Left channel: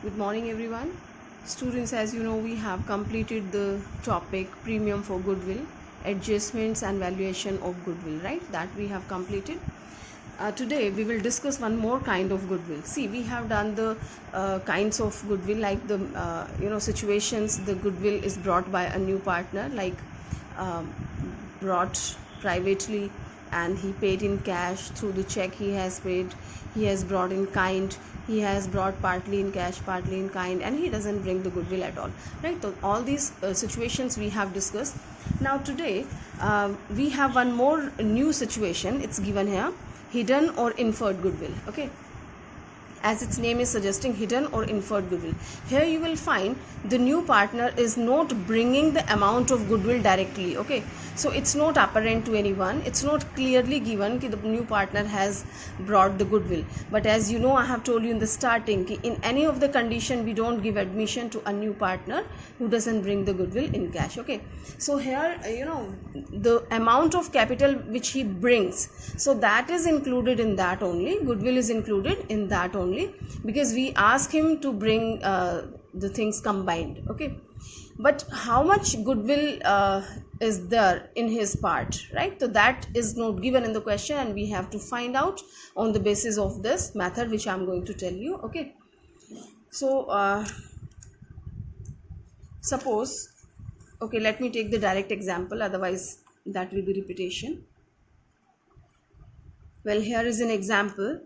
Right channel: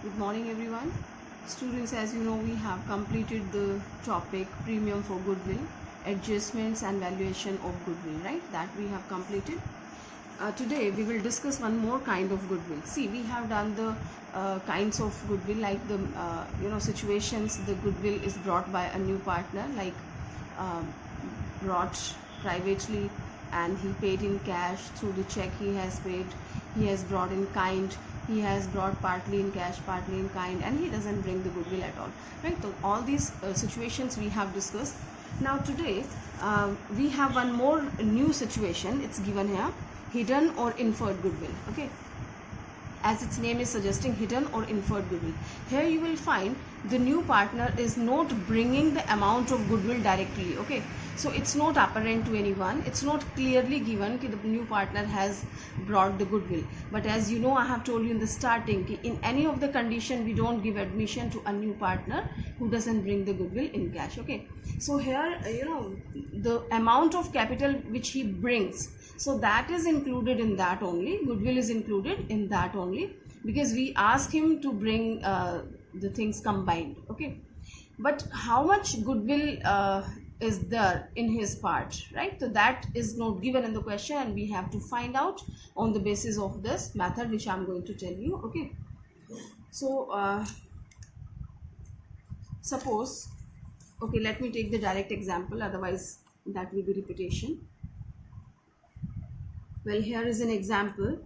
Good morning, everyone. Students, as you know, we have completed the topic premium for goodwill, adjustments and valuation of goodwill, right? That we have completed. Today, we will discuss one more kind of goodwill. See, we have done the kinds of goodwill, like the situations. The goodwill is brought by a new partner, like um, brought privately, and he paid in cash through the check he has paid. He has brought in kind, he has brought partly in cash, partly in kind, and he doesn't bring the goodwill at all, right? So all these situations we have discussed. Now today we have one more new situation. It's given here: hidden or inferred goodwill. Okay, as its name is suggesting, hidden or inferred goodwill. Here you will find the new partner is not bringing the amount of goodwill directly. Okay, so it's not apparent to anyone, it's not clearly given that the new partner has brought the goodwill. But as you know, I have told you in the starting, in any of the condition we don't give admission to a new partner who doesn't bring the goodwill in cash. Okay, so here the amount of capital which he brings, so that is included in that only. Goodwill is included in that only, because we ask him to bring the things combined. Okay, but how much goodwill is there in his part, right? So that is not given in the question, and we have to find out on the basis of this method which I'm going to tell you. Okay, so suppose, okay, let me take the direct example, otherwise that will be repetition. Well, here is an example.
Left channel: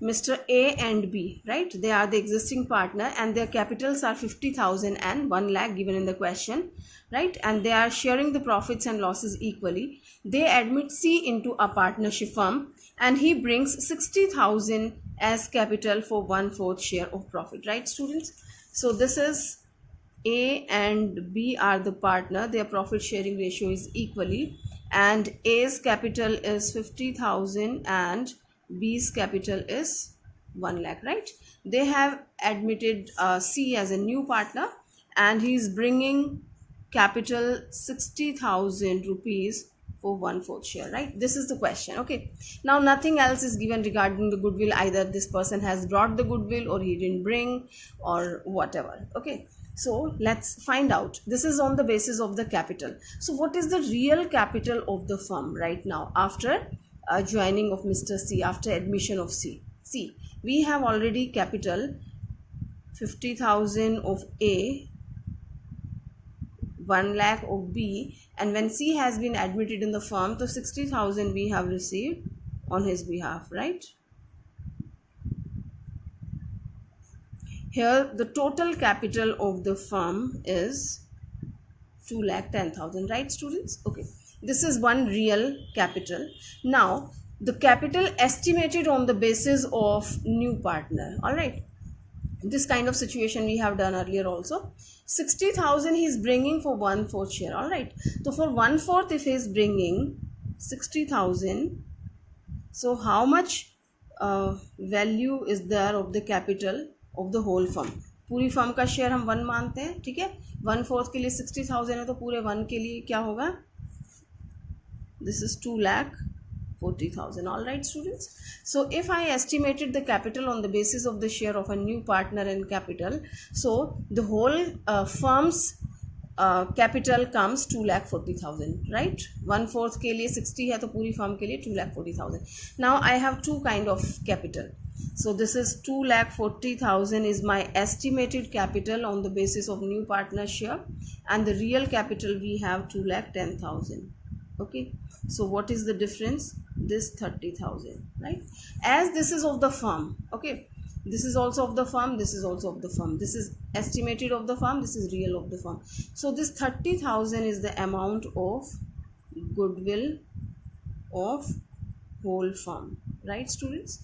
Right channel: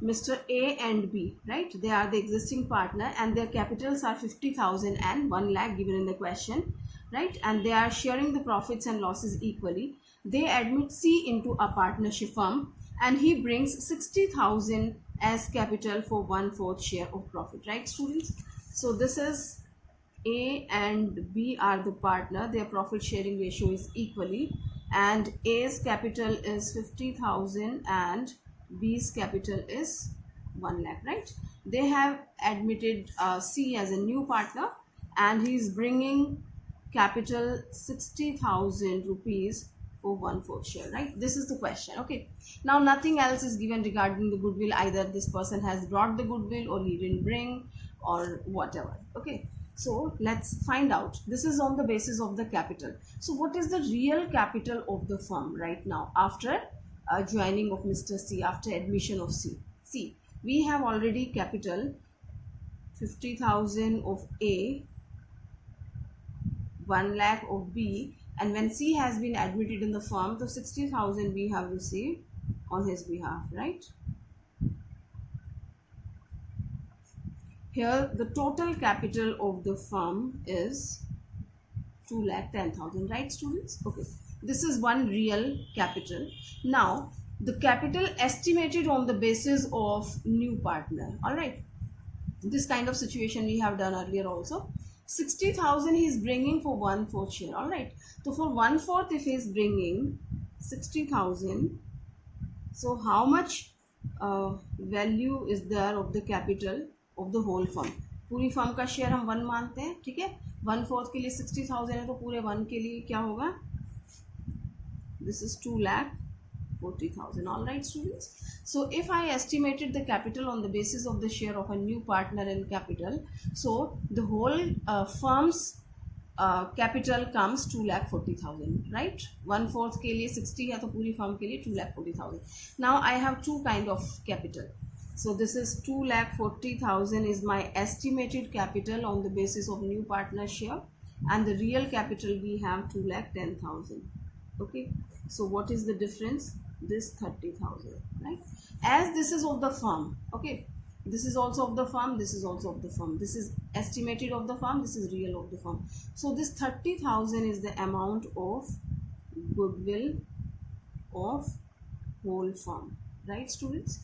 Mr. A and B, right? They are the existing partner, and their capitals are 50,000 and 1 lakh given in the question, right? And they are sharing the profits and losses equally. They admit C into a partnership firm, and he brings 60,000 as capital for 1/4 share of profit, right, students? So this is A and B are the partner. Their profit sharing ratio is equally, and A's capital is 50,000 and B's capital is 1 lakh, right? They have admitted C as a new partner, and he's bringing capital 60,000 rupees for 1/4 share, right? This is the question. Okay, now nothing else is given regarding the goodwill. Either this person has brought the goodwill or he didn't bring, or whatever. Okay, so let's find out. This is on the basis of the capital. So what is the real capital of the firm right now after joining of Mr. C, after admission of C? See, we have already capital 50,000 of A, 1 lakh of B, and when C has been admitted in the firm, the 60,000 we have received on his behalf, right? Here the total capital of the firm is 2,10,000, right, students? Okay, this is one real capital. Now the capital estimated on the basis of new partner. All right, this kind of situation we have done earlier also. 60,000 he is bringing for 1/4 share. All right, so for 1/4, if he is bringing 60,000, so how much value is there of the capital of the whole firm? पूरी firm का share हम 1 मानते हैं, ठीक है? 1/4 के लिए 60,000 है, तो पूरे 1 के लिए क्या होगा? This is 2,40,000. All right, students. So if I estimated the capital on the basis of the share of a new partner in capital, so the whole firm's capital comes 2,40,000, right? 1/4 के लिए 60 है, तो पूरी फर्म के लिए 2,40,000. Now I have two kind of capital. So this is 2,40,000 is my estimated capital on the basis of new partner share, and the real capital we have 2,10,000. Okay, so what is the difference? This 30,000, right? As this is of the firm, okay, this is also of the firm, this is also of the firm, this is estimated of the firm, this is real of the firm. So this 30,000 is the amount of goodwill of whole firm, right, students?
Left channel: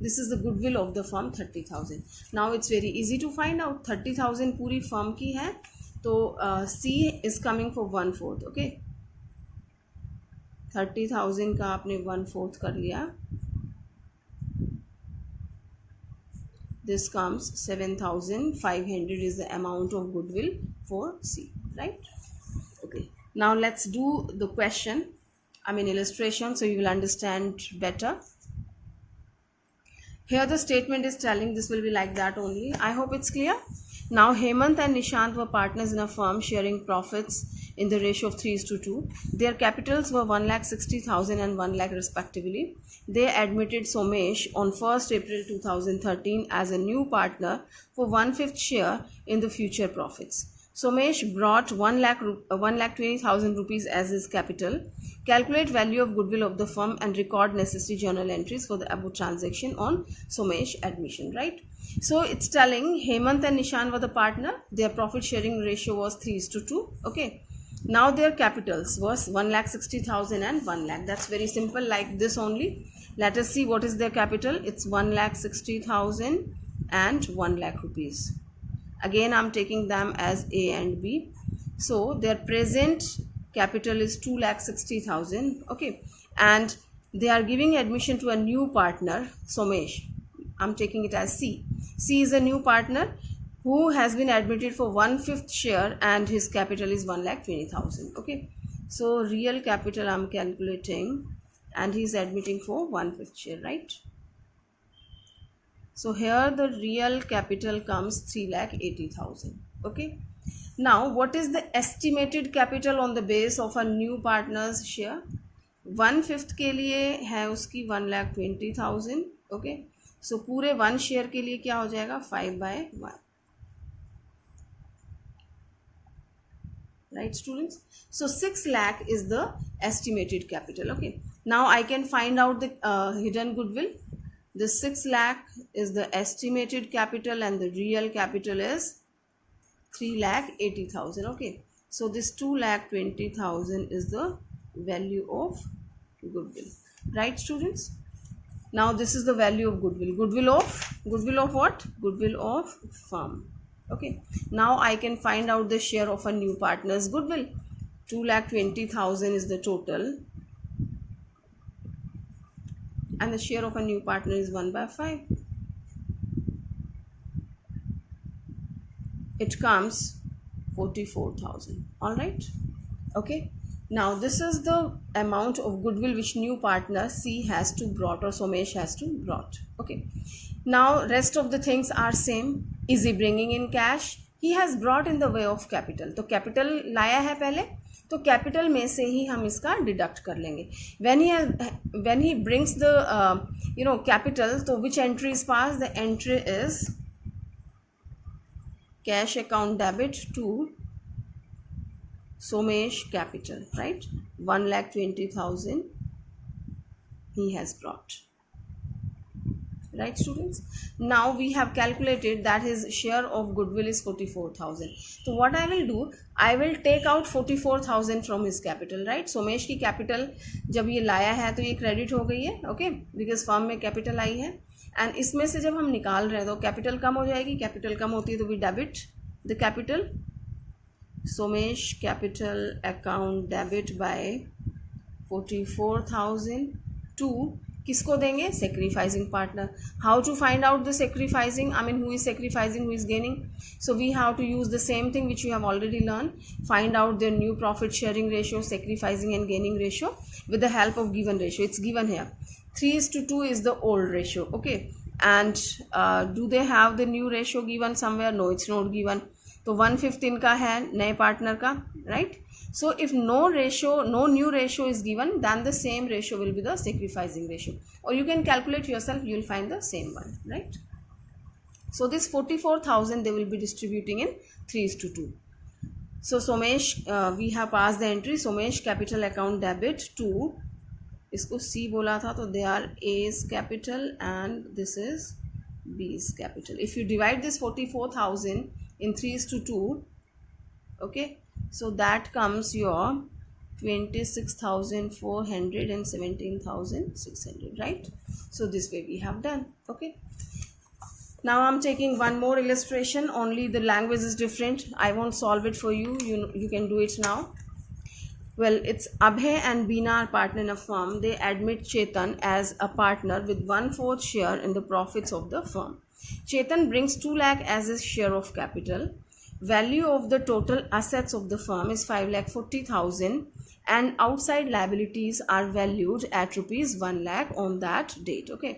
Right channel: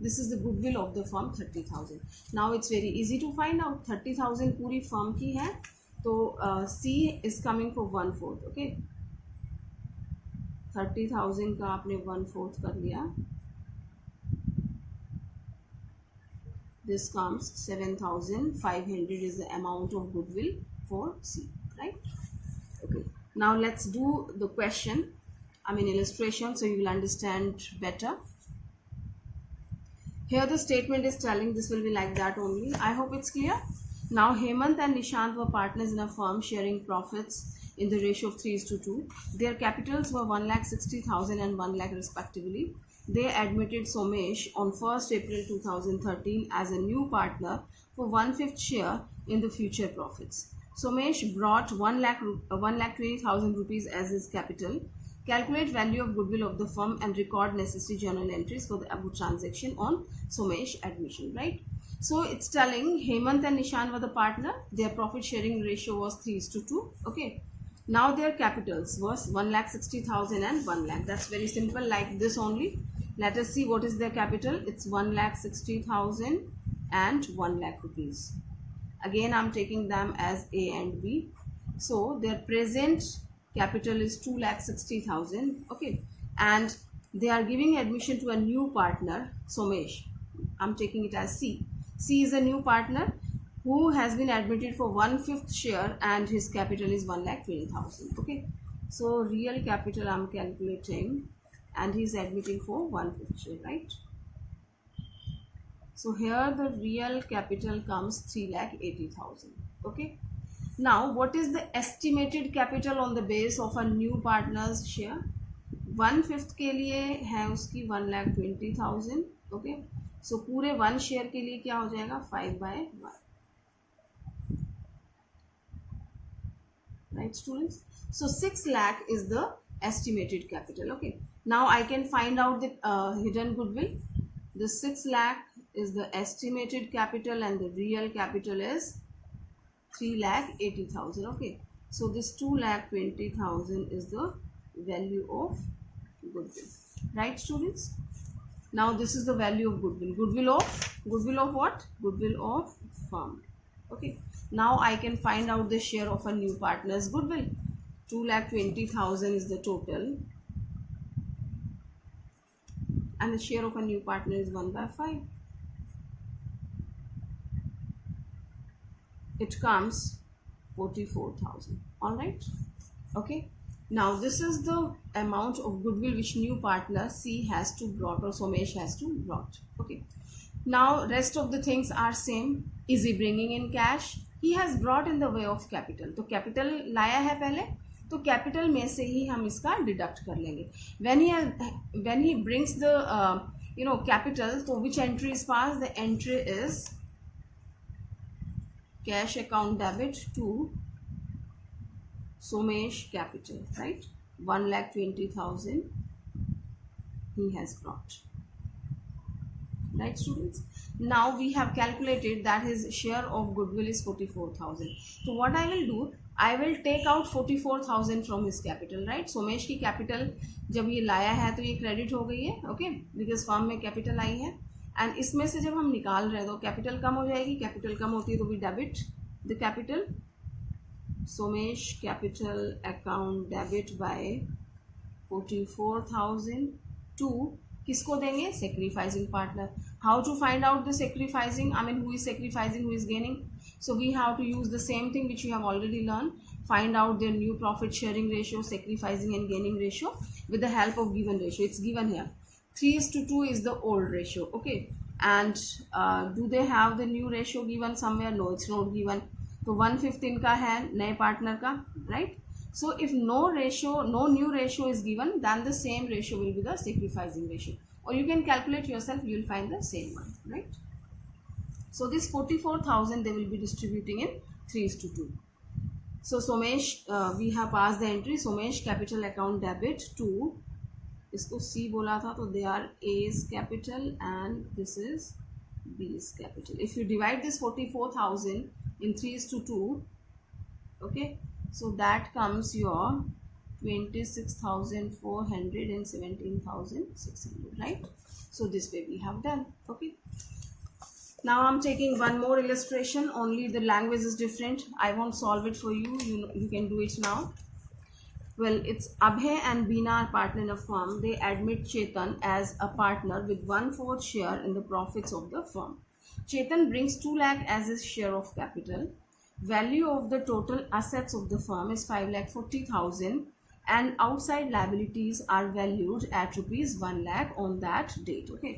This is the goodwill of the firm, 30,000. Now it's very easy to find out. 30,000 पूरी firm की है, तो C is coming for 1/4. okay, 30,000 का आपने 1/4 कर लिया. This comes 7,500 is the amount of goodwill for C, right? Okay, now let's do the question, illustration, so you will understand better. Here the statement is telling this will be like that only. I hope it's clear. Now Hemant and Nishant were partners in a firm sharing profits in the ratio of 3:2. Their capitals were 1,60,000 and 1 lakh respectively. They admitted Somesh on 1st April 2013 as a new partner for 1/5 share in the future profits. Somesh brought 1,20,000 rupees as his capital. Calculate value of goodwill of the firm and record necessary journal entries for the above transaction on Somesh admission, right? So it's telling Hemant and Nishan were the partner. Their profit sharing ratio was 3:2. Okay. Now their capitals was 1,60,000 and 1 lakh. That's very simple, like this only. Let us see what is their capital. It's 1,60,000 and 1 lakh rupees. Again, I'm taking them as A and B. So their present capital is 2,60,000. Okay. And they are giving admission to a new partner, Somesh. I'm taking it as C. C is a new partner who has been admitted for 1/5 share and his capital is 1,20,000. Okay. So real capital I'm calculating and he's admitting for 1/5 share, right? So here the real capital comes 3,80,000. Okay. Now what is the estimated capital on the base of a new partner's share? 1/5 के लिए है उसकी 1,20,000. Okay. सो पूरे 1 share के लिए क्या हो जाएगा? 5/1. Right, students? So 6 lakh is the estimated capital. Okay. Now I can find out the hidden goodwill. The 6 lakh is the estimated capital and the real capital is 3,80,000. Okay. So this 2,20,000 is the value of goodwill. Right, students? Now this is the value of goodwill. Goodwill of what? Goodwill of firm. Okay. Now I can find out the share of a new partner's goodwill. 2,20,000 is the total. And the share of a new partner is 1/5. It comes 44,000. Alright. Okay. Now this is the amount of goodwill which new partner C has to brought or Somesh has to brought. Okay. Now rest of the things are same. Is he bringing in cash? He has brought in the way of capital. तो capital लाया है पहले, तो capital में से ही हम इसका deduct कर लेंगे. When he brings the capital, तो which entry is passed? The entry is cash account debit to Somesh capital, right? 1,20,000 he has brought. Right, students? Now we have calculated that his share of goodwill is 44,000. So what I will do, I will take out 44,000 from his capital, right? Somesh की capital जब ये लाया है तो ये credit हो गई है, okay? Because firm में capital आई है, and इसमें से जब हम निकाल रहे हैं तो capital कम हो जाएगी. Capital कम होती है तो we debit the capital. Somesh capital account debit by 44,000 to किसको देंगे? Sacrificing partner. How to find out the sacrificing? I mean, who is sacrificing, who is gaining? So we have to use the same thing which you have already learned. Find out their new profit sharing ratio, sacrificing and gaining ratio with the help of given ratio. It's given here. 3:2 is the old ratio. Okay. And do they have the new ratio given somewhere? No, it's not given. तो 1/5 इनका है नए partner का, right? So if no new ratio is given, then the same ratio will be the sacrificing ratio. Or you can calculate yourself, you will find the same one, right? So this 44,000 they will be distributing in 3:2. So Somesh, we have passed the entry. Somesh capital account debit to, इसको C बोला था तो they are A's capital and this is B's capital. If you divide this 44,000 in 3:2, okay, so that comes your 26,400 and 17,600, right? So this way we have done. Okay. Now I'm taking one more illustration, only the language is different. I won't solve it for you. You can do it now. Well, it's Abhay and Beena are partner in a firm. They admit Chetan as a partner with 1/4 share in the profits of the firm. Chetan brings 2 lakh as his share of capital. Value of the total assets of the firm is 5,40,000 and outside liabilities are valued at rupees 1 lakh on that date. Okay.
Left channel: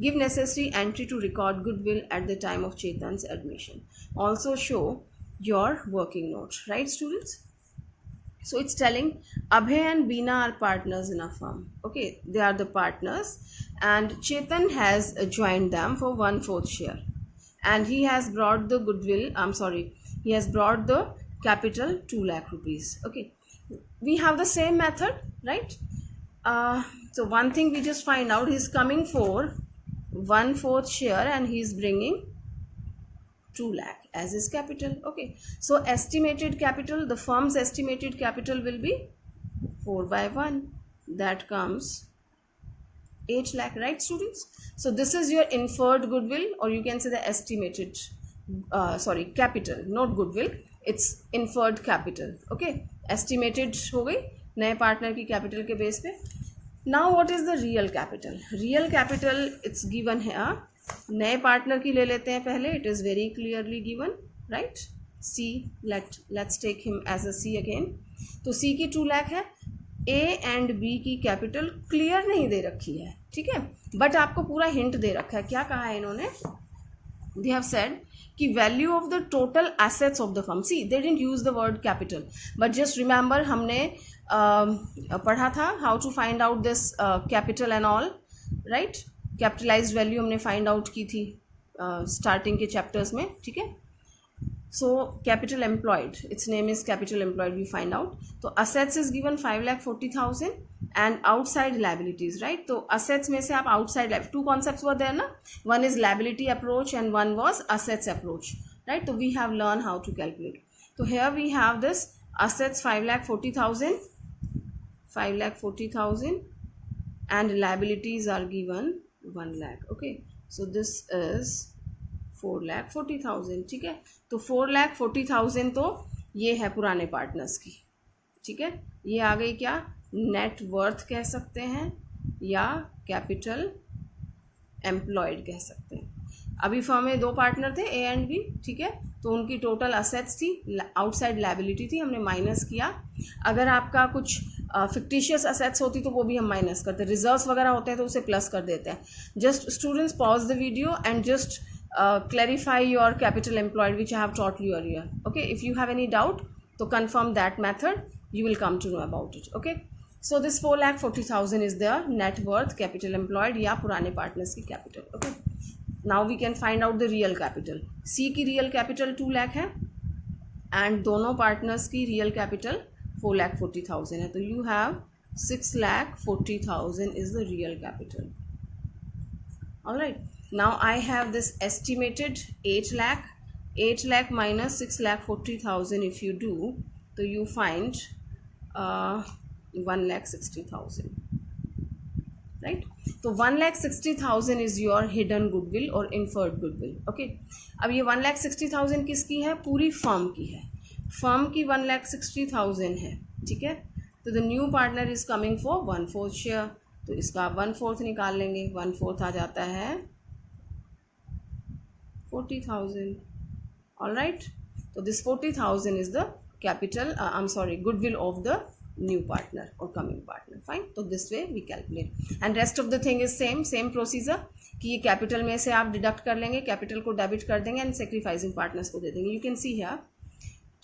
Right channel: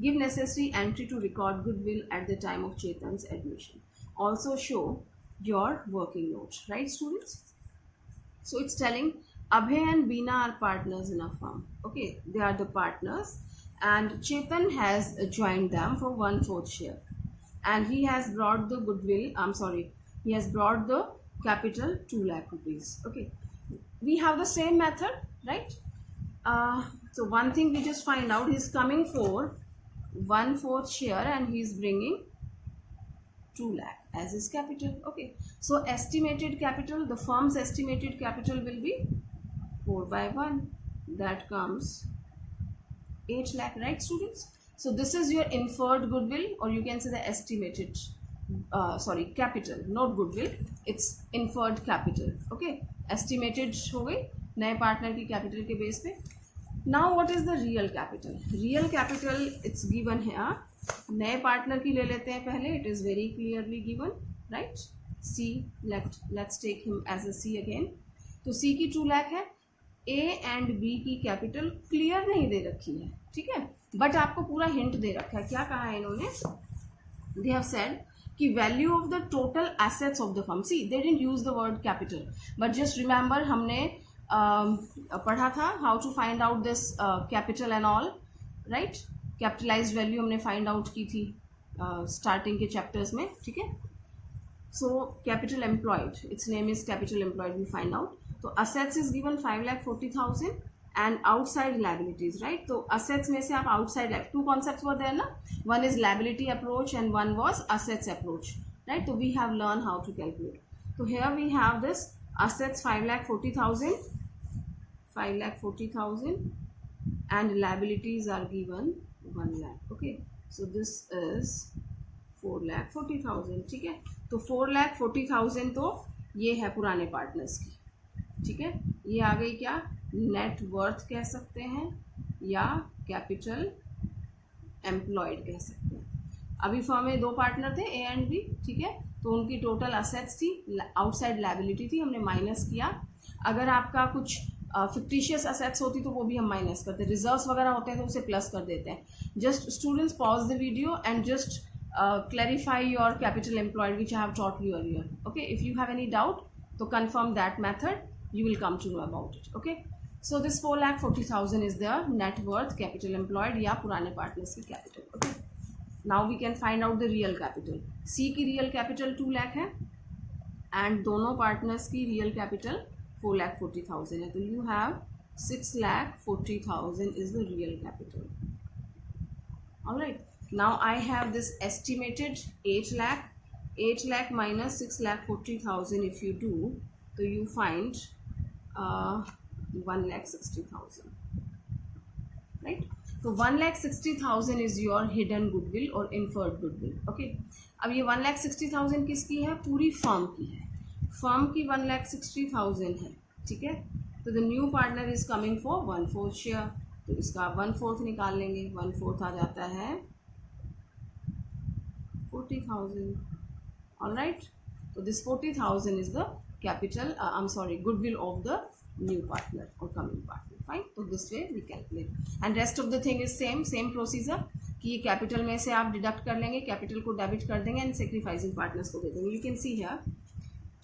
Give necessary entry to record goodwill at the time of Chetan's admission. Also show your working note, right students? So it's telling Abhay and Beena are partners in a firm. Okay, they are the partners, and Chetan has joined them for 1/4 share, and he has brought the goodwill. He has brought the capital 2 lakh rupees. Okay, we have the same method, right? So one thing we just find out, he's coming for 1/4 share and he's bringing 2 lakh as his capital. Okay, so estimated capital, the firm's estimated capital will be 4/1, that comes 8 lakh, right students? So this is your inferred goodwill, or you can say the estimated capital, not goodwill, it's inferred capital. Okay, estimated हो गई नए partner की capital के base पे. Now what is the real capital? Real capital it's given here. नए partner की ले लेते हैं पहले. It is very clearly given, right? C, let's take him as a C again. तो C की 2 लाख है. A एंड B की कैपिटल क्लियर नहीं दे रखी है, ठीक है, बट आपको पूरा हिंट दे रखा है. क्या कहा है इन्होंने? They have said कि value of the total assets of the firm. See, they didn't use the word capital, but just remember हमने पढ़ा था how to find out this capital and all, right? Capitalized value हमने find out की थी starting के chapters में, ठीक है. So capital employed, it's name is capital employed, we find out. तो assets is given 5,40,000 and outside liabilities, right? तो assets में से आप outside, two concepts were there ना, one is liability approach and one was assets approach, right? तो we have learn how to calculate. तो here we have this assets 5,40,000 and liabilities are given 1 lakh. Okay, so this is 4,40,000, ठीक है. तो 4,40,000 तो ये है पुराने पार्टनर्स की, ठीक है. ये आ गई क्या, नेट वर्थ कह सकते हैं या कैपिटल एम्प्लॉयड कह सकते हैं. अभी फर्म में 2 पार्टनर थे, ए एंड बी, ठीक है. तो उनकी टोटल असेट्स थी, आउटसाइड लाइबिलिटी थी, हमने माइनस किया. अगर आपका कुछ फिक्टिशियस असेट्स होती तो वो भी हम माइनस करते, रिजर्व्स वगैरह होते हैं तो उसे प्लस कर देते हैं. Just students pause the video and just clarify your capital employed which I have taught you earlier. Okay, if you have any doubt to confirm that method, you will come to know about it. Okay, so this 4,40,000 is the net worth capital employed या पुराने partners की capital. Okay, now we can find out the real capital. C की real capital 2 lakh है and दोनों partners की real capital 4,40,000 है. तो you have 6,40,000 is the real capital. All right. Now I have this estimated 8 lakh minus 6,40,000. If you do, so you find 1,60,000, right? So 1,60,000 is your hidden goodwill or inferred goodwill. Okay. अब ये 1,60,000 किसकी है? पूरी firm की है. Firm की 1,60,000 है, ठीक है. तो the new partner is coming for 1/4 share. तो इसका 1/4 निकाल लेंगे. 1/4 आ जाता है 40,000. All right. So this 40,000 is the capital. Goodwill of the new partner or coming partner. Fine. So this way we calculate. And rest of the thing is same procedure. कि ये capital में से आप deduct कर लेंगे, capital को debit कर देंगे and sacrificing partners को दे देंगे. You can see here.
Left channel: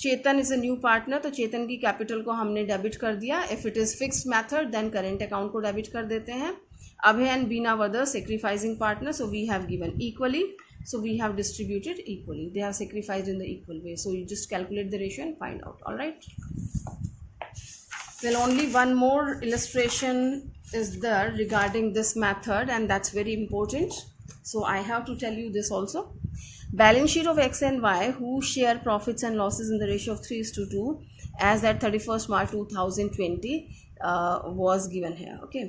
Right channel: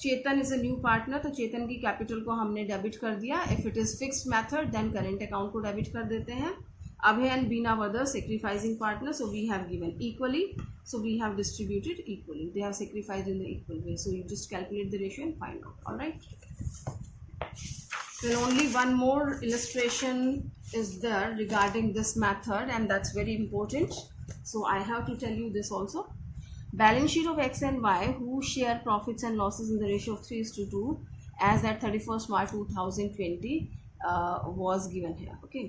Chetan is a new partner, तो चेतन की कैपिटल को हमने डेबिट कर दिया. If it is fixed method then current account को डेबिट कर देते हैं. Abhay and Beena were the sacrificing partner, so we have given equally, so we have distributed equally. They have sacrificed in the equal way, so you just calculate the ratio and find out. All right. Well, only one more illustration is there regarding this method, and that's very important, so I have to tell you this also. Balance sheet of X and Y who share profits and losses in the ratio of 3:2 as at 31st March 2020 was given here. Okay,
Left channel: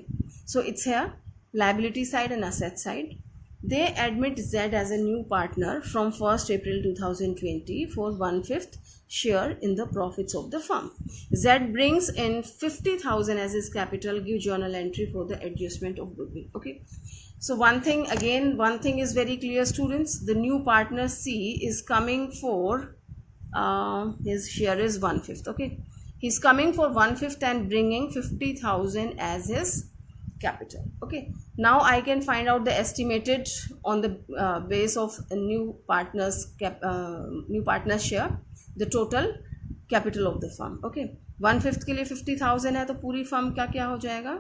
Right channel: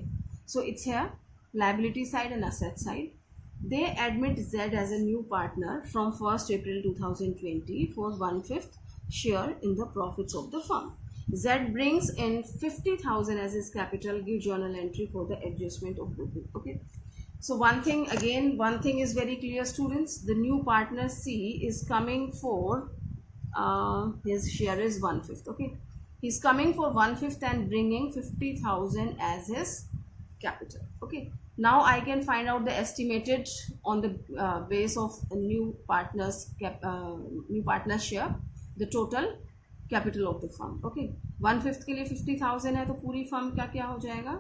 so it's here liability side and asset side. They admit Z as a new partner from 1st April 2020 for 1/5 share in the profits of the firm. Z brings in 50,000 as his capital. Give journal entry for the adjustment of goodwill. Okay. So one thing is very clear, students. The new partner C is coming for his share is 1/5. Okay. He's coming for 1/5 and bringing 50,000 as his capital. Okay, now I can find out the estimated on the base of a new partner's share, the total capital of the firm. Okay, 1/5 के लिए 50,000 है तो पूरी firm का क्या हो जाएगा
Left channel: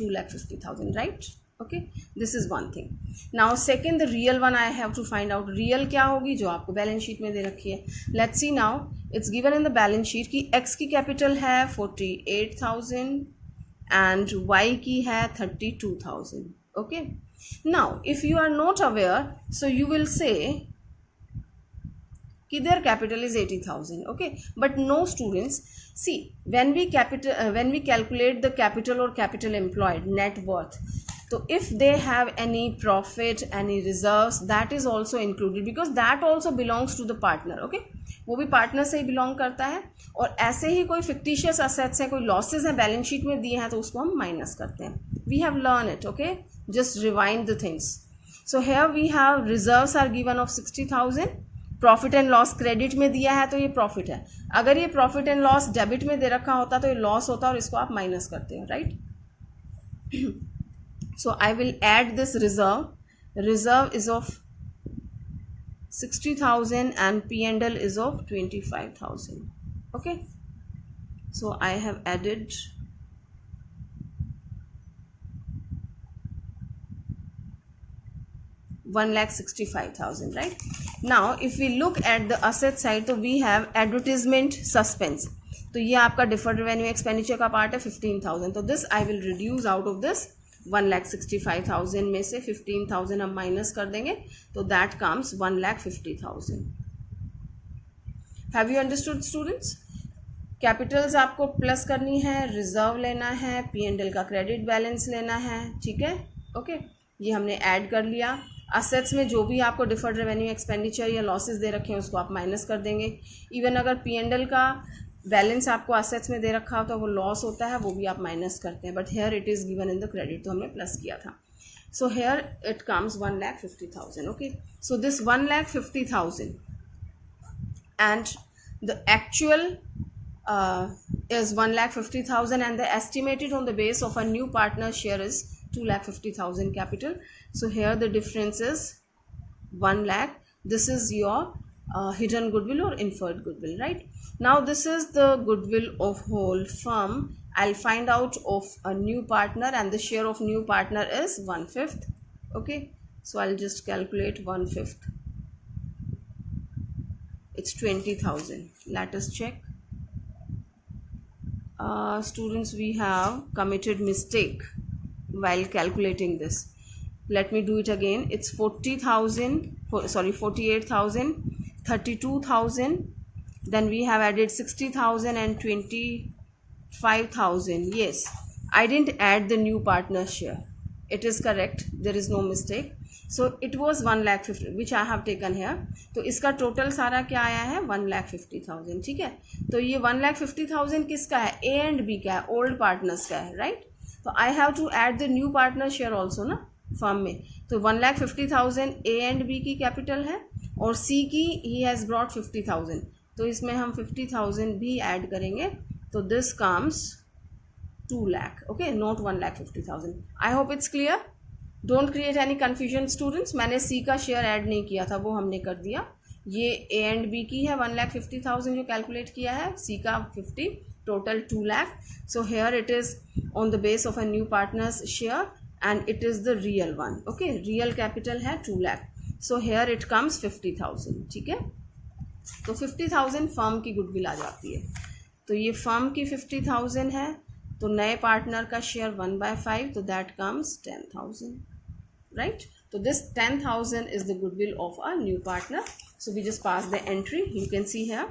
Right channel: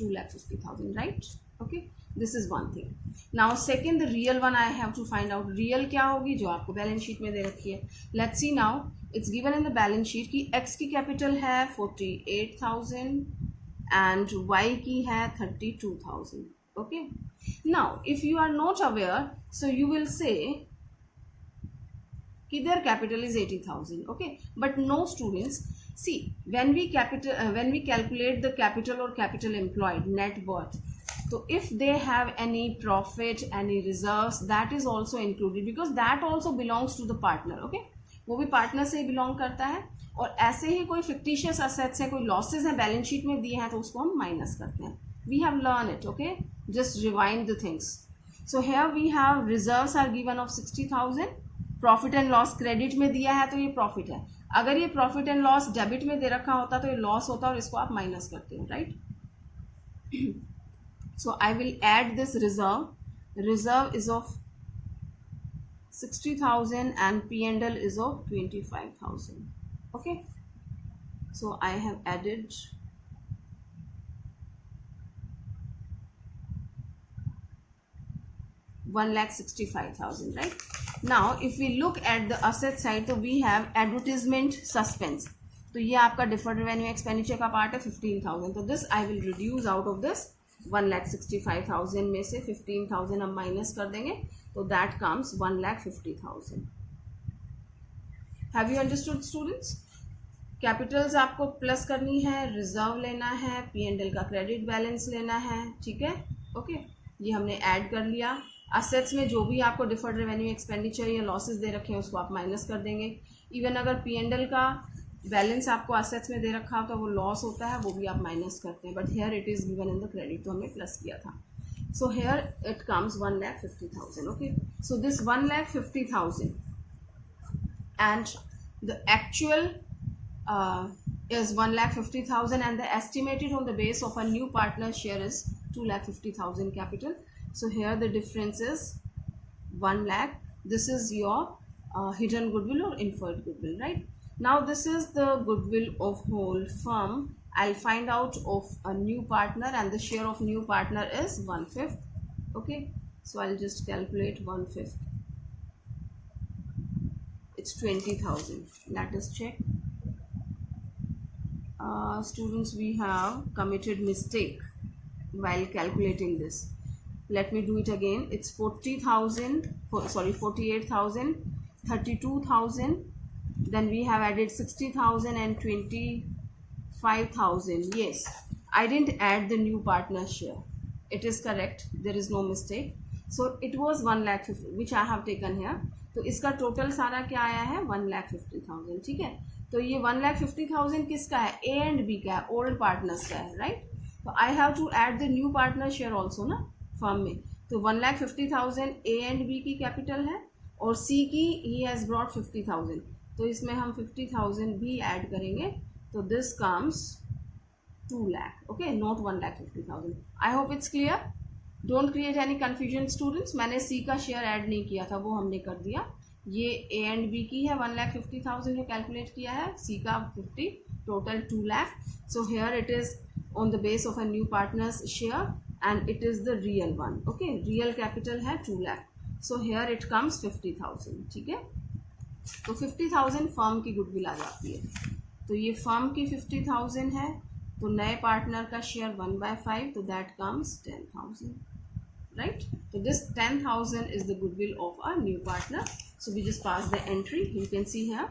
2,50,000, right? Okay, this is one thing. Now second, the real one I have to find out. real क्या होगी जो आपको बैलेंस शीट में दे रखी है. Let's see now. It's given in the balance sheet कि x की कैपिटल है 48,000 and y की है 32,000. Okay, now if you are not aware, so you will say their capital is 80,000. Okay, but no students, see when we calculate the capital or capital employed, net worth, so if they have any profit, any reserves, that is also included because that also belongs to the partner. Okay, वो भी partner से ही belong करता है. और ऐसे ही कोई fictitious assets है, कोई लॉसेज हैं बैलेंस शीट में दिए हैं तो उसको हम माइनस करते हैं. We have learn it. Okay, just rewind the things. So here we have reserves are given of 60,000. Profit and loss credit में दिया है तो ये प्रॉफिट है. अगर ये प्रॉफिट एंड लॉस डेबिट में दे रखा होता तो ये लॉस होता और इसको आप माइनस करते हो, right? So I will add this reserve. Reserve is of 60,000 and P&L is of 25,000. Okay, so I have added 1,65,000, right? Now if we look at the asset side, तो we have advertisement suspense. तो ये आपका deferred revenue expenditure का part है 15,000. तो this I will reduce out of this 1,65,000 में से 15,000 हम माइनस कर देंगे तो that comes 1,50,000. Have you understood students? Capitals आपको प्लस करनी है, रिजर्व लेना है, P&L का क्रेडिट बैलेंस लेना है. ठीक है, ओके, ये हमने ऐड कर लिया. असेट्स में जो भी आपको डिफर्ड रेवेन्यू एक्सपेंडिचर या लॉसेस दे रखे हैं उसको आप माइनस कर देंगे. इवन अगर P&L का बैलेंस आपको असेट्स में दे रखा हो तो वो लॉस होता है, वो भी आप माइनस करते हैं. But here it is given in the credit, तो हमने प्लस किया था. So here it comes 1,50,000. Okay, so this 1,50,000 and the actual is 1,50,000 and the estimated on the base of a new partner share is 2,50,000 capital. So here the difference is 1 lakh. This is your hidden goodwill or inferred goodwill, right? Now this is the goodwill of whole firm. I'll find out of a new partner and the share of new partner is 1/5. Okay, so I'll just calculate 1/5. It's 20,000. Let us check. Students, we have committed mistake while calculating this. Let me do it again. It's 48,000, 32,000. Then we have added 60,000 and 25,000. Yes, I didn't add the new partner share. It is correct. There is no mistake. So it was 1,50,000 which I have taken here. तो इसका total सारा क्या आया है 1,50,000. ठीक है, तो ये 1,50,000 किसका है, A एंड B का है, ओल्ड पार्टनर्स का है, राइट? तो I have to add the new partner share also ना फर्म में. तो 1,50,000 A एंड B की कैपिटल है और C की ही हैज़ ब्रॉट 50,000. तो इसमें हम 50,000 भी ऐड करेंगे तो this comes 2 lakh. Okay, not 1,50,000. I hope it's clear. Don't create any confusion students. मैंने सी का शेयर ऐड नहीं किया था, वो हमने कर दिया. ये ए एंड बी की है 1,50,000 जो कैलकुलेट किया है, सी का 50, total 2 lakh. So here it is on the base of a new partners share and it is the real one. Okay, real capital है 2 lakh. So here it comes 50,000. ठीक है, तो 50,000 फर्म की गुडविल आ जाती है. तो ये फर्म की 50,000 है, तो नए पार्टनर का शेयर 1/5, तो that comes 10,000. right? So this 10,000 is the goodwill of a new partner. So we just pass the entry. You can see here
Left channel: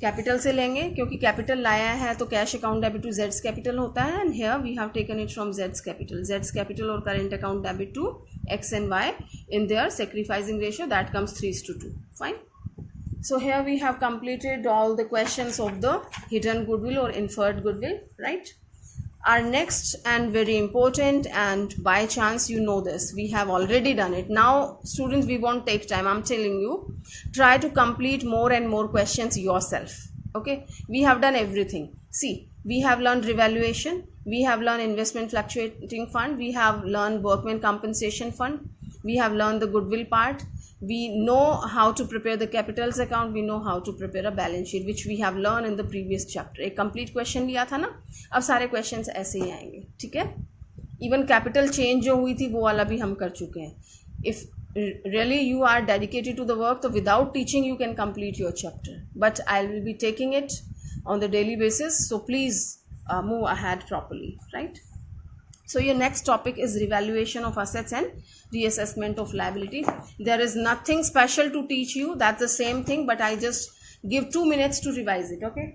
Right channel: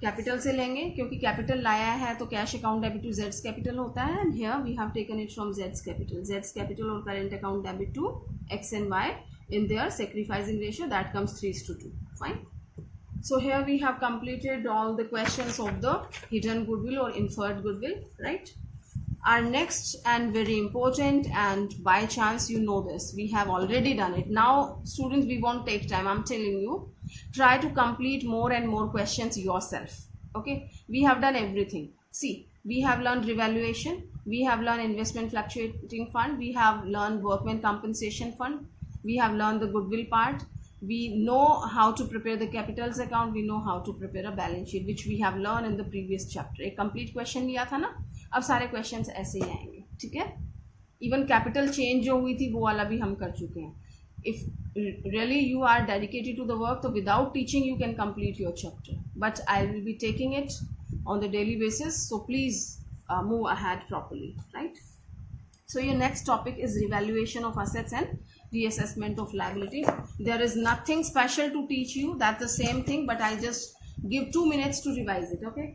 capital से लेंगे क्योंकि कैपिटल लाया है तो कैश अकाउंट डेबिट टू जेड्स कैपिटल होता है. And here we have taken it from जेड्स कैपिटल और current account debit to X and Y in their sacrificing ratio, that comes 3:2. Fine. So here we have completed all the questions of the hidden goodwill or inferred goodwill, right? Our next and very important, and by chance you know this, we have already done it. Now students, we won't take time. I'm telling you, try to complete more and more questions yourself. Okay, we have done everything. See, we have learned revaluation, we have learned investment fluctuating fund, we have learned workman compensation fund, we have learned the goodwill part, we know how to prepare the capitals account, we know how to prepare a balance sheet, which we have learned in the previous chapter. एक complete question लिया था ना, अब सारे questions ऐसे ही आएंगे, ठीक है. इवन कैपिटल चेंज जो हुई थी वो वाला भी हम कर चुके हैं. If really you are dedicated to the work, so without teaching you can complete your chapter, but I will be taking it on the daily basis, so please move ahead properly, right? So your next topic is revaluation of assets and reassessment of liability. There is nothing special to teach you, that's the same thing, but I just give 2 minutes to revise it, okay?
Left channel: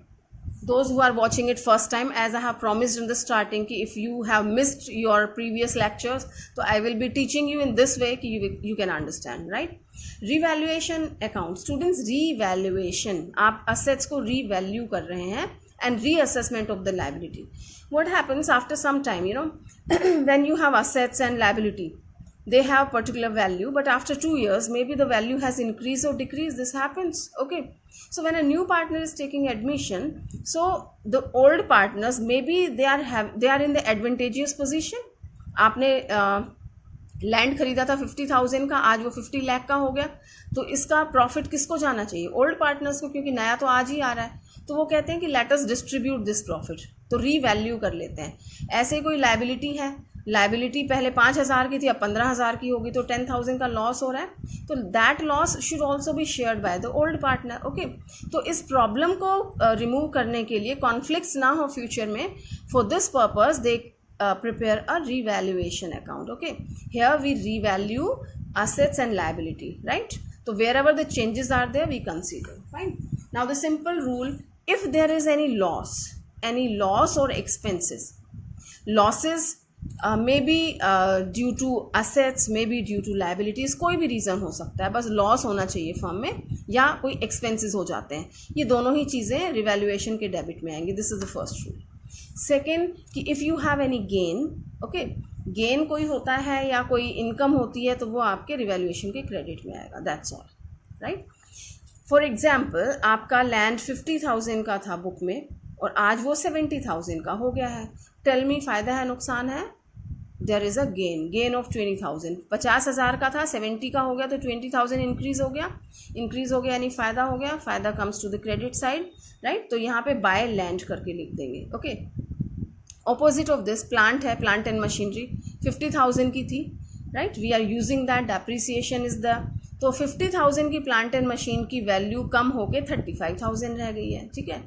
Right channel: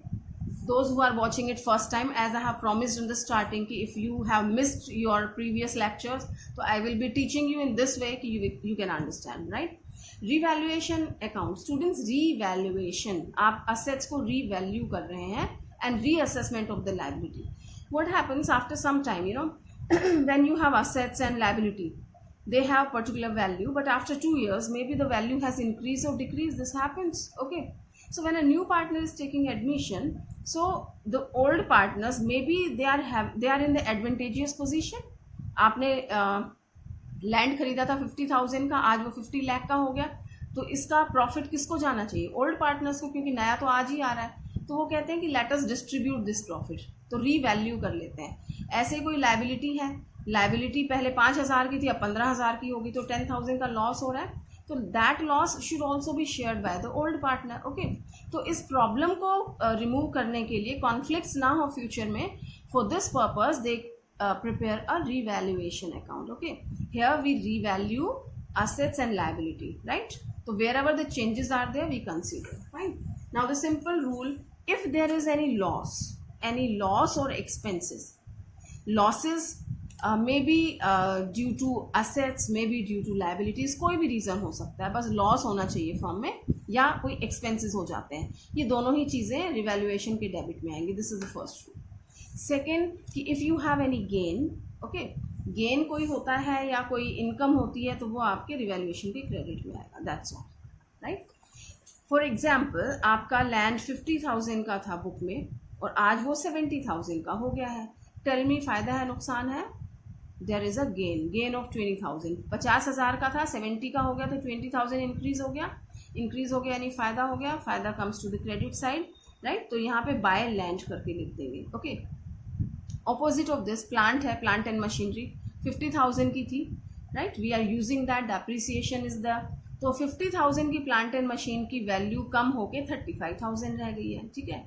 Those who are watching it first time, as I have promised in the starting, कि if you have missed your previous lectures, so I will be teaching you in this way कि you can understand, right? Revaluation account, students, revaluation, आप assets को revalue कर रहे हैं, and reassessment of the liability. What happens after some time, you know, when you have assets and liability, they have particular value, but after 2 years maybe the value has increased or decreased. This happens, okay? So when a new partner is taking admission, so the old partners maybe they are in the advantageous position. आपने land खरीदा था 50,000 का, आज वो 50 लाख का हो गया, तो इसका प्रॉफिट किसको जाना चाहिए? ओल्ड पार्टनर्स को, क्योंकि नया तो आज ही आ रहा है. तो वो कहते हैं कि let us distribute this profit, तो रीवैल्यू कर लेते हैं. ऐसे कोई लाइबिलिटी है, लाइबिलिटी पहले 5,000 की थी, अब 15,000 की होगी, तो 10,000 का लॉस हो रहा है, तो that loss should also be shared by the old partner, okay? तो इस प्रॉब्लम को रिमूव करने के लिए, कॉन्फ्लिक्ट्स ना हो फ्यूचर में, for this purpose they prepare a revaluation account, okay? Here we revalue assets and liability, right? So wherever the changes are there, we consider, fine? Now the simple rule, if there is any loss or expenses, losses may be due to assets, may be due to liabilities, कोई भी reason हो सकता है, बस loss होना चाहिए firm में, या कोई एक्सपेंसेस हो जाते हैं, ये दोनों ही चीज़ें रिवैल्यूएशन के डेबिट में आएंगी. This is the first rule. Second कि if you have any gain, okay, gain कोई होता है या कोई इनकम होती है, तो वो आपके रिवैल्यूएशन के क्रेडिट में आएगा. That's all, right? For example, आपका लैंड 50,000 का था बुक में और आज वो 70,000 का हो गया है. टेल मी, फ़ायदा है नुकसान है? There is a gain of 20,000. 50,000 का था, 70 का हो गया, तो 20,000 इंक्रीज हो गया यानी फ़ायदा हो गया. फ़ायदा comes to the credit side, right? तो यहाँ पे बाय लैंड करके लिख देंगे, okay? Opposite of this plant है, प्लांट एंड मशीनरी 50,000 की थी, right? We are using that, depreciation is the, तो 50,000 की प्लांट एंड मशीन की वैल्यू कम होके 35,000 रह गई है, ठीक है?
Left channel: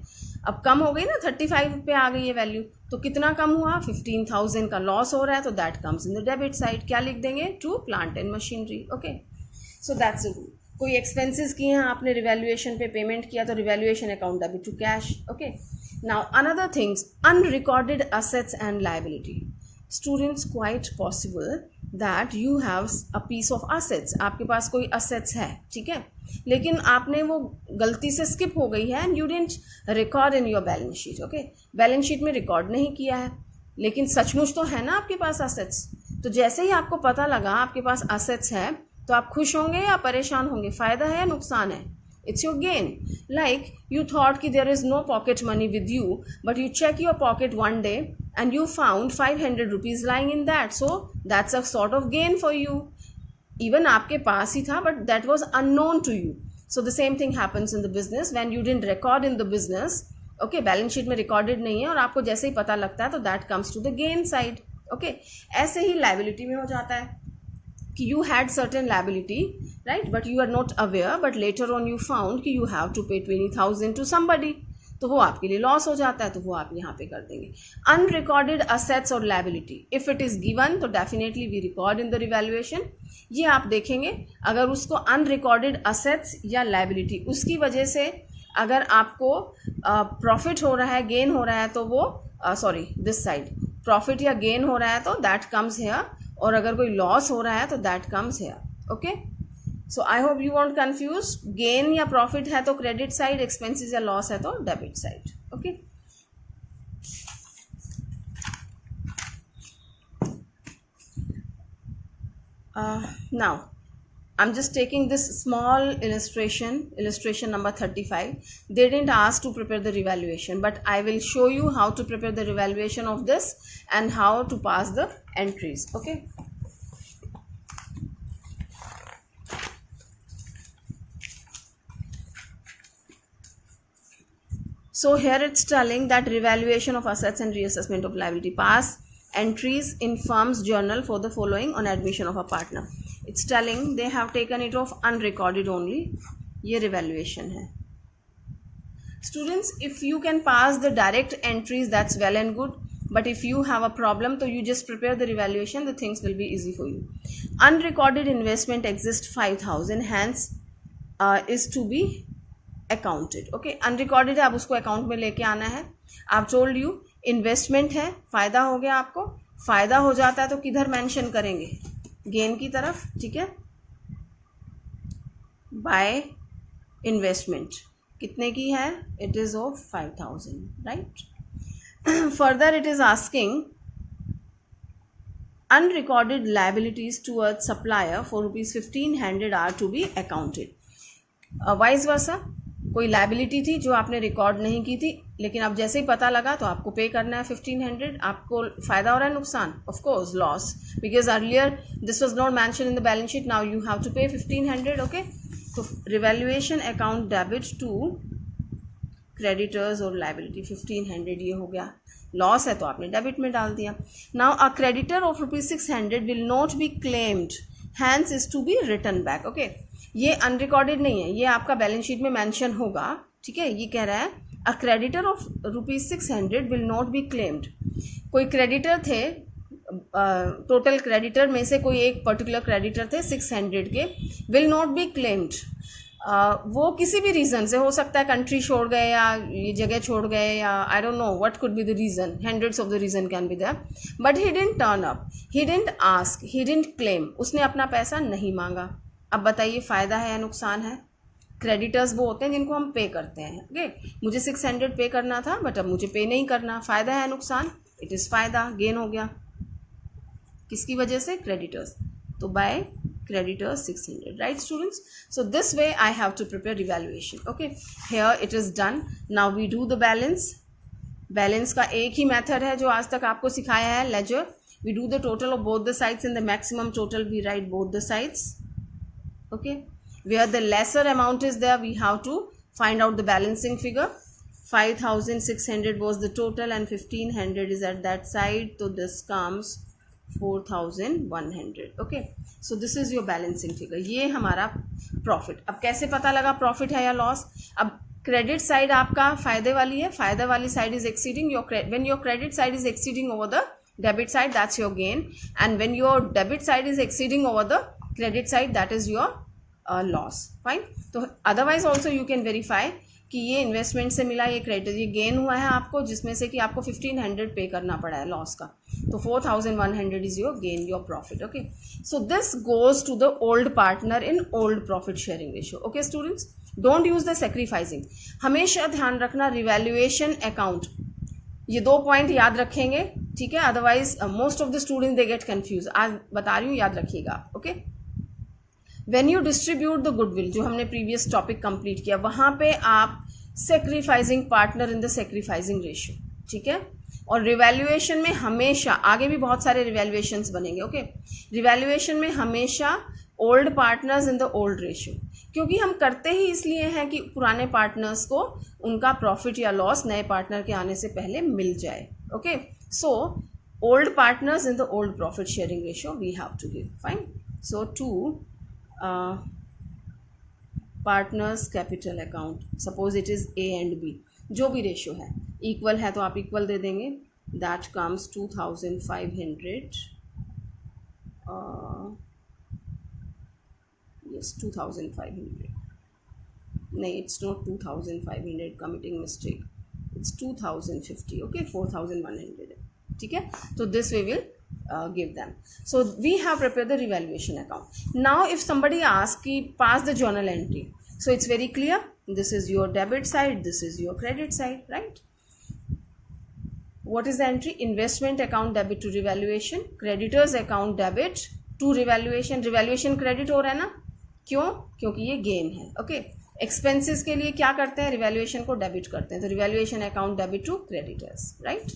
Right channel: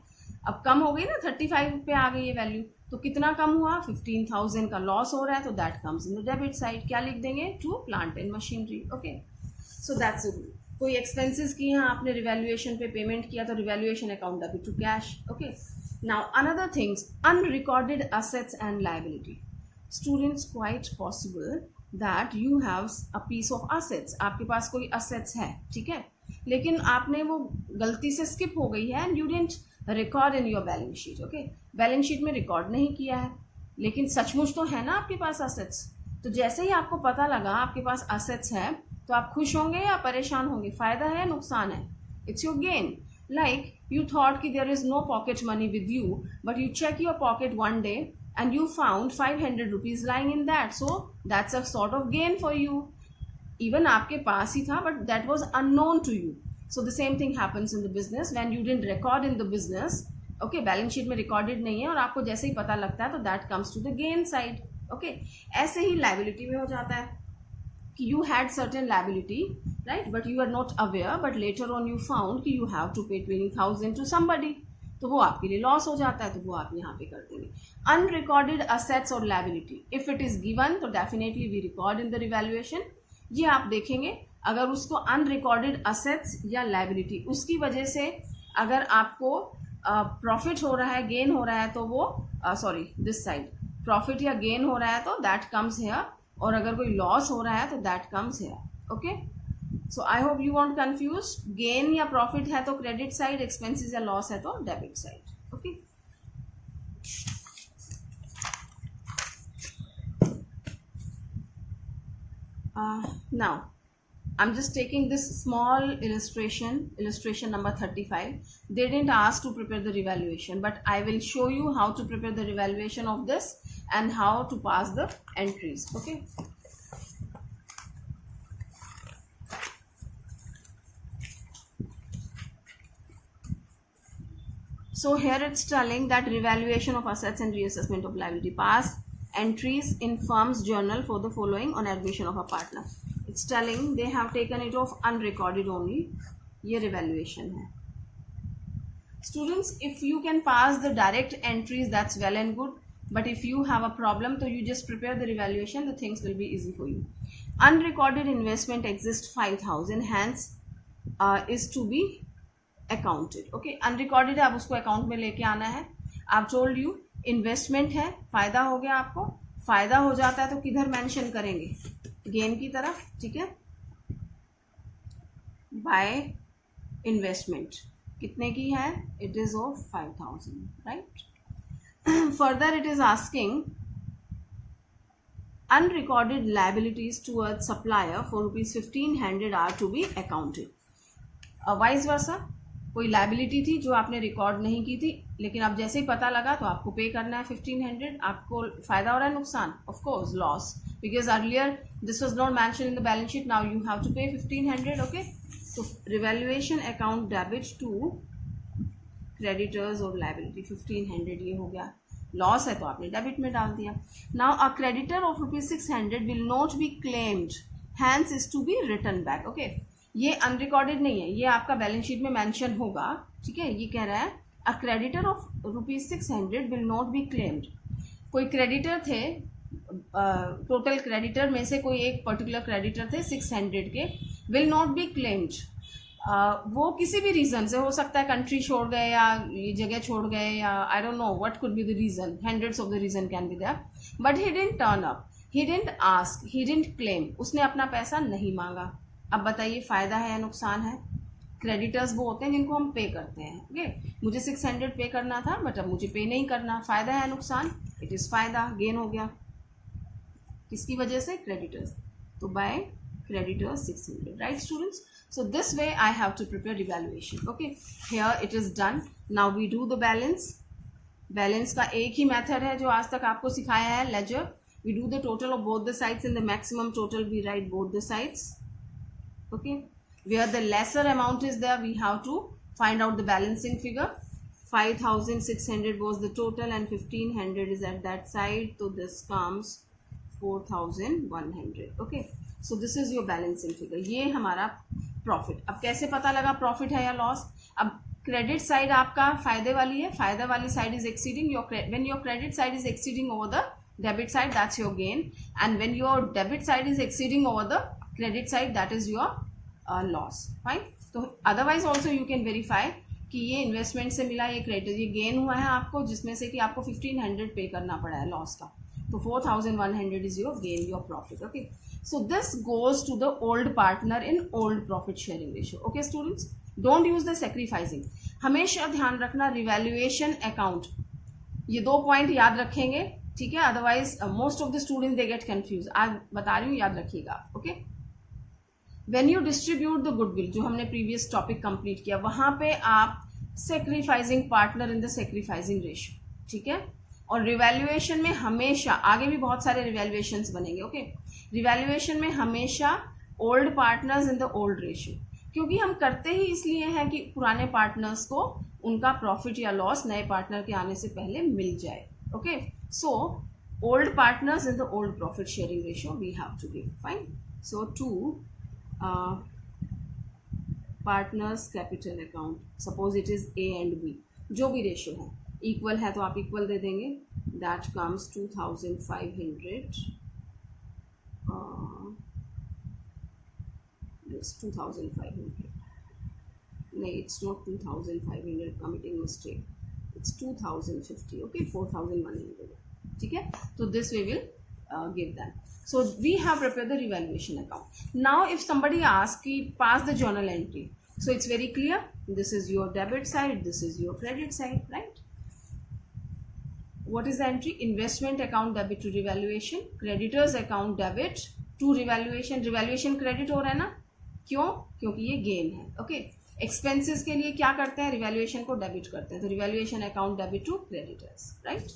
अब कम हो गई ना, 35 पे आ गई है वैल्यू, तो कितना कम हुआ? 15,000 का लॉस हो रहा है, तो that comes in the debit side. क्या लिख देंगे? To plant and machinery, okay? So that's the rule. कोई एक्सपेंसेस किए हैं आपने, रिवैल्यूएशन पे पेमेंट किया, तो revaluation account debit to cash, okay? Now another things, unrecorded assets and liability. Students, quite possible that you have a piece of assets, आपके पास कोई असेट्स है, ठीक है, लेकिन आपने वो गलती से स्किप हो गई है and you didn't record in your balance sheet, okay? Balance sheet में रिकॉर्ड नहीं किया है, लेकिन सचमुच तो है ना आपके पास असेट्स. तो जैसे ही आपको पता लगा आपके पास असेट्स है, तो आप खुश होंगे या परेशान होंगे? फ़ायदा है या नुकसान है? It's your gain. Like you thought कि there is no pocket money with you, but you check your pocket one day and you found 500 rupees lying in that, so that's a sort of gain for you. Even आपके पास ही था, but that was unknown to you. So the same thing happens in the business when you didn't record in the business, okay? Balance sheet में recorded नहीं है और आपको जैसे ही पता लगता है, तो that comes to the gain side, okay? ऐसे ही लाइबिलिटी में हो जाता है कि you had certain liability, right? But you are not aware, but later on you found कि you have to pay 20,000 to somebody, तो वो आपके लिए लॉस हो जाता है, तो वो आप यहाँ पे कर देंगे. अनरिकॉर्डेड असेट्स और liability, if it is given तो definitely we record in the revaluation. ये आप देखेंगे, अगर उसको अनरिकॉर्डेड असेट्स या लायबिलिटी, उसकी वजह से अगर आपको प्रॉफिट हो रहा है, गेन हो रहा है, तो वो सॉरी दिस साइड प्रॉफिट या गेन हो रहा है, तो दैट कम्स हेयर, और अगर कोई लॉस हो रहा है तो that comes here, okay? So I hope you want confuse. Gain या प्रॉफिट है तो क्रेडिट साइड, एक्सपेंसेस या लॉस है तो debit side, okay? Now I'm just taking this small illustration number 35. They didn't ask to prepare the revaluation, but I will show you how to prepare the revaluation of this and how to pass the entries. Okay. So here it's telling that revaluation of assets and reassessment of liability. Pass entries in firm's journal for the following on admission of a partner. It's telling they have taken it off unrecorded only. ये revaluation है. Students, if you can pass the direct entries, that's well and good. But if you have a problem, so you just prepare the revaluation, the things will be easy for you. Unrecorded investment exists 5,000, hence is to be accounted. Okay, unrecorded है, अब उसको account में लेके आना है. आप told you investment है, फायदा हो गया आपको. फायदा हो जाता है तो किधर मेंशन करेंगे? गेन की तरफ. ठीक है, बाय इन्वेस्टमेंट कितने की है? It is of 5,000, right. Further it is asking unrecorded liabilities towards supplier for ₹1,500 are to be accounted. Vice versa, कोई लाइबिलिटी थी जो आपने रिकॉर्ड नहीं की थी, लेकिन अब जैसे ही पता लगा तो आपको पे करना है 1,500. आपको फायदा हो रहा है, नुकसान? Of course loss, because earlier this was not mention in the balance sheet. Now you have to pay 1,500. Okay, तो revaluation account debit to creditors और लाइबिलिटी 1,500 ये हो गया. लॉस है तो आपने डेबिट में डाल दिया. Now a creditor of ₹600 will not be claimed, hence is to be return back. Okay, ये अनरिकॉर्डेड नहीं है, ये आपका बैलेंस शीट में मेंशन होगा. ठीक है, ये कह रहा है अ creditor of ₹600 will not be claimed. कोई क्रेडिटर थे, टोटल क्रेडिटर में से कोई एक पर्टिकुलर क्रेडिटर थे 600 के, विल नॉट बी क्लेम्ड. वो किसी भी रीज़न से हो सकता है, कंट्री छोड़ गए या ये जगह छोड़ गए या I don't know what could be the reason, hundreds of the reason can be there, but he didn't turn up, he didn't ask, he didn't claim. उसने अपना पैसा नहीं मांगा. अब बताइए फ़ायदा है या नुकसान है? क्रेडिटर्स वो होते हैं जिनको हम पे करते हैं. ओके, मुझे 600 पे करना था बट अब मुझे पे नहीं करना. फ़ायदा है नुकसान? इट इज़ फ़ायदा, गेन हो गया. किसकी वजह से? क्रेडिटर्स. तो bye creditors 600, right students? So this way I have to prepare evaluation. Okay, here it is done. Now we do the balance. Balance का एक ही मेथड है जो आज तक आपको सिखाया है, ledger. We do the total of both the sides. In the maximum total we write both the sides. Okay, where the lesser amount is there we have to find out the balancing figure. 5,600 was the total and 1,500 is at that side, so this comes 4,100. Okay, so this is your balancing figure. ये हमारा profit. अब कैसे पता लगा profit है या loss? अब credit side आपका फायदे वाली है, फायदा वाली side is exceeding your, when your credit side is exceeding over the debit side, that's your gain, and when your debit side is exceeding over the credit side, that is your loss. Fine. तो otherwise also you can verify कि ये investment से मिला, ये credit, ये gain हुआ है आपको, जिसमें से कि आपको 1,500 पे करना पड़ा है लॉस का, तो 4,100 is your gain, your profit. Okay, so this goes to the old partner in old profit sharing ratio. Okay students, don't use the sacrificing. हमेशा ध्यान रखना रिवैल्यूएशन अकाउंट, ये 2 पॉइंट याद रखेंगे. ठीक है, otherwise most of the students they get confuse. आज बता रही हूँ, याद रखिएगा. Okay, when you distribute the goodwill, जो हमने प्रीवियस टॉपिक कंप्लीट किया, वहां पे आप sacrificing partner in the sacrificing ratio. ठीक है, और रिवैल्यूएशन में हमेशा, आगे भी बहुत सारे रिवैल्यूएशंस बनेंगे. ओके, रिवैल्यूएशन में हमेशा old partners in the old ratio, क्योंकि हम करते ही इसलिए हैं कि पुराने पार्टनर्स को उनका प्रॉफिट या लॉस नए पार्टनर के आने से पहले मिल जाए. Okay, so old partners in the old profit sharing ratio we have to give. Fine. So to partners capital account, suppose it is A and B, जो भी रेशियो है, इक्वल है तो आप इक्वल दे देंगे. That comes 2,500. यस, 2,500. नहीं, it's not 2,500, committing mistake. It's 2,050. Okay, 4,100. ठीक है, तो this way will give them. So we have prepared the revaluation account. Now if somebody asks ki pass the journal entry, so it's very clear, this is your debit side, this is your credit side, right? What is the entry? Investment account debit to revaluation, creditors account debit to revaluation. Revaluation credit हो रहा है ना, क्यों? क्योंकि ये gain है. Okay, expenses के लिए क्या करते हैं? रिवैल्यूएशन को डेबिट करते हैं. तो revaluation account debit to creditors, right?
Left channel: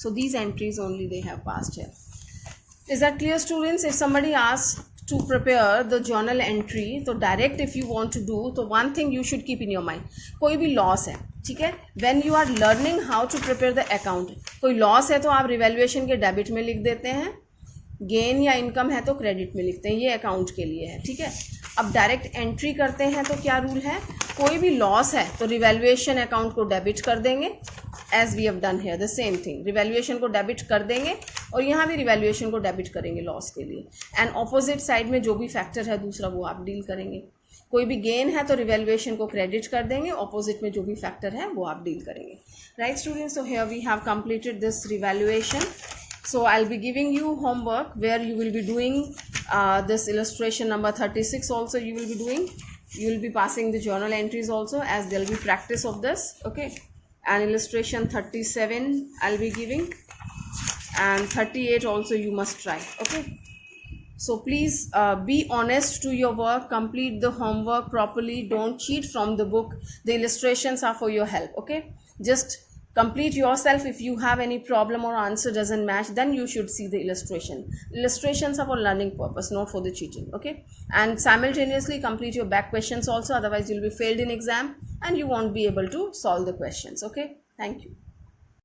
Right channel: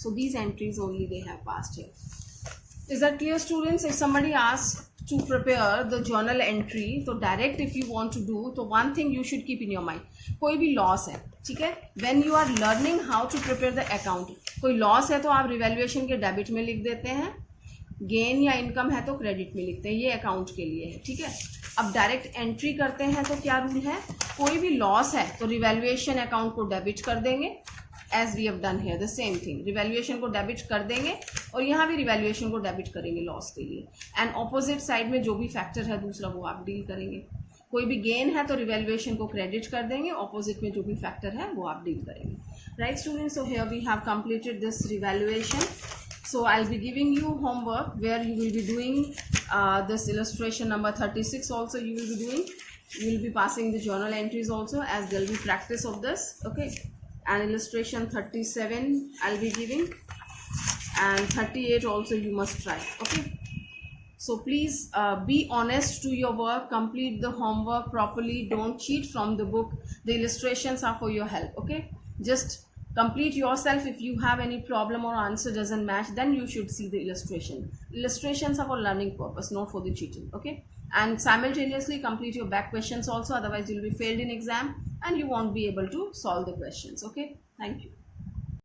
So these entries only they have passed here. Is that clear, students? If somebody asks to prepare the journal entry, तो direct if you want to do, तो one thing you should keep in your mind, कोई भी loss है, ठीक है, when you are learning how to prepare the account, कोई loss है तो आप revaluation के debit में लिख देते हैं, गेन या इनकम है तो क्रेडिट में लिखते हैं, ये अकाउंट के लिए है, ठीक है. अब डायरेक्ट एंट्री करते हैं तो क्या रूल है? कोई भी लॉस है तो रिवैल्यूएशन अकाउंट को डेबिट कर देंगे, as we have done here the same thing. Revaluation को डेबिट कर देंगे और यहाँ भी रिवैल्यूएशन को डेबिट करेंगे लॉस के लिए. एंड ऑपोजिट साइड में जो भी फैक्टर है दूसरा वो आप डील करेंगे. कोई भी गेन है तो रिवैल्यूएशन को क्रेडिट कर देंगे, ऑपोजिट में जो भी फैक्टर है वो आप डील करेंगे. Right students, so here we have completed this revaluation. So I'll be giving you homework where you will be doing this illustration number 36 also you will be doing. You will be passing the journal entries also, as there will be practice of this. Okay, and illustration 37 I'll be giving, and 38 also you must try. Okay, so please be honest to your work, complete the homework properly, don't cheat from the book. The illustrations are for your help. Okay, just complete yourself. If you have any problem or answer doesn't match, then you should see the illustration. Illustrations are for learning purpose, not for the cheating. Okay, and simultaneously complete your back questions also, otherwise you'll be failed in exam and you won't be able to solve the questions. Okay, thank you.